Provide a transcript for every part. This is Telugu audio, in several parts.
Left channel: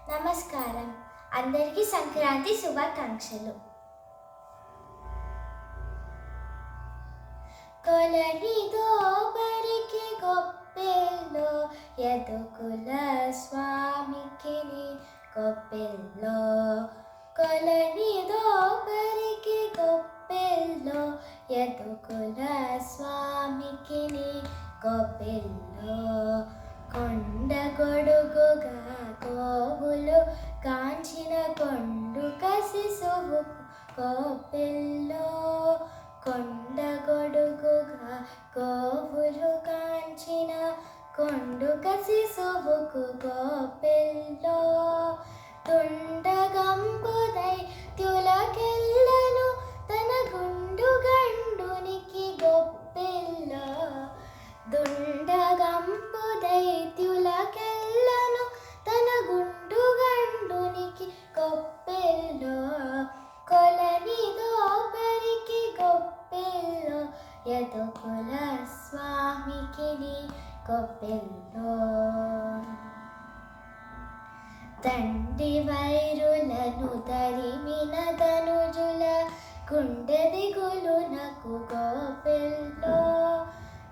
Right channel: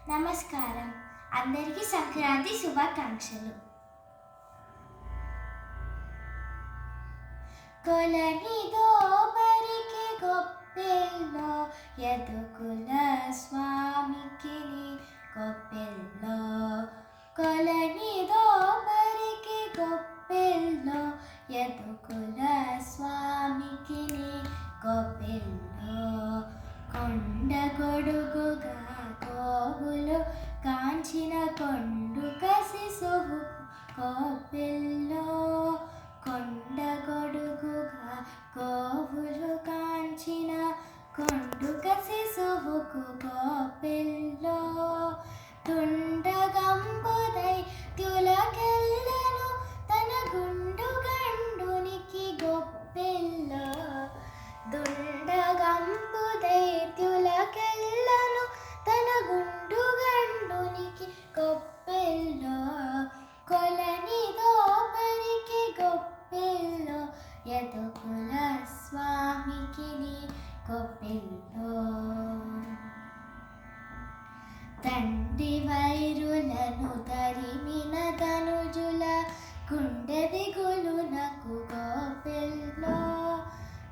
నమస్కారం. అందరికీ సంక్రాంతి శుభాకాంక్షలు. కొలనిదో బరికి గొప్పెల్లో యదుకుల స్వామికి గొప్పెల్లో కొలనిదో బరికి గొప్పెల్లో యదుకుల స్వామికి గొప్పెల్లో కొండ గొడుగుగా గోవులు కాంచిన కొండుక శిశువు గొప్పెల్లో కొండ గొడుగుగా గోవులు కాంచిన కొండుక శిశువుకు గొప్పెల్లో తుండగంబుదై తులకెళ్ళను తన గుండు గండునికి గొప్పెల్లో దుండగంబుదై తులకెళ్ళను తన గుండు గండునికి గొప్పెల్లో కొలనిదో బరికి గొప్పెల్లో యదుకుల స్వామికి గొప్పెల్లో దండి వైరులను తరిమిన ధనుజుల గుండె దిగులునకు గొప్పెల్లో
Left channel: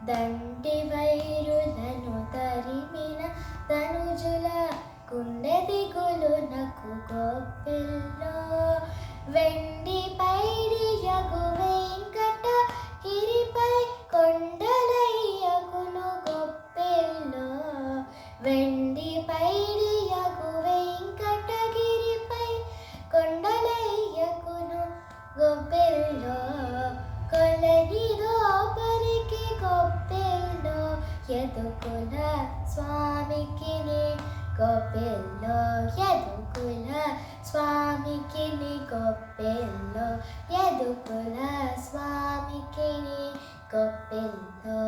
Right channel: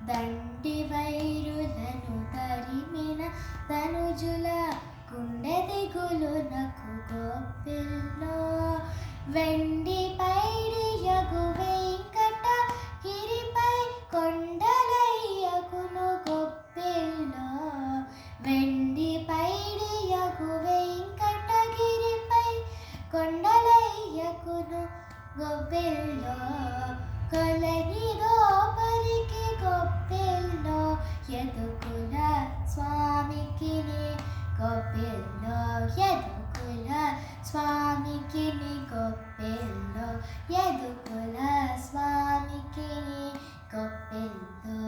దండి వైరులను తరిమిన ధనుజుల గుండె దిగులునకు గొప్పెల్లో వెండి పైడియగు వెంకట గిరిపై కొండలయ్యకును గొప్పెల్లో వెండి పైడియగు వెంకటగిరిపై కొండలయ్యకును గొప్పెల్లో కొలనిదో బరికి గొప్పెల్లో యదుకుల స్వామికి గొప్పెల్లో యదుకుల స్వామికి గొప్పెల్లో యదుకుల స్వామికి గొప్పెల్లో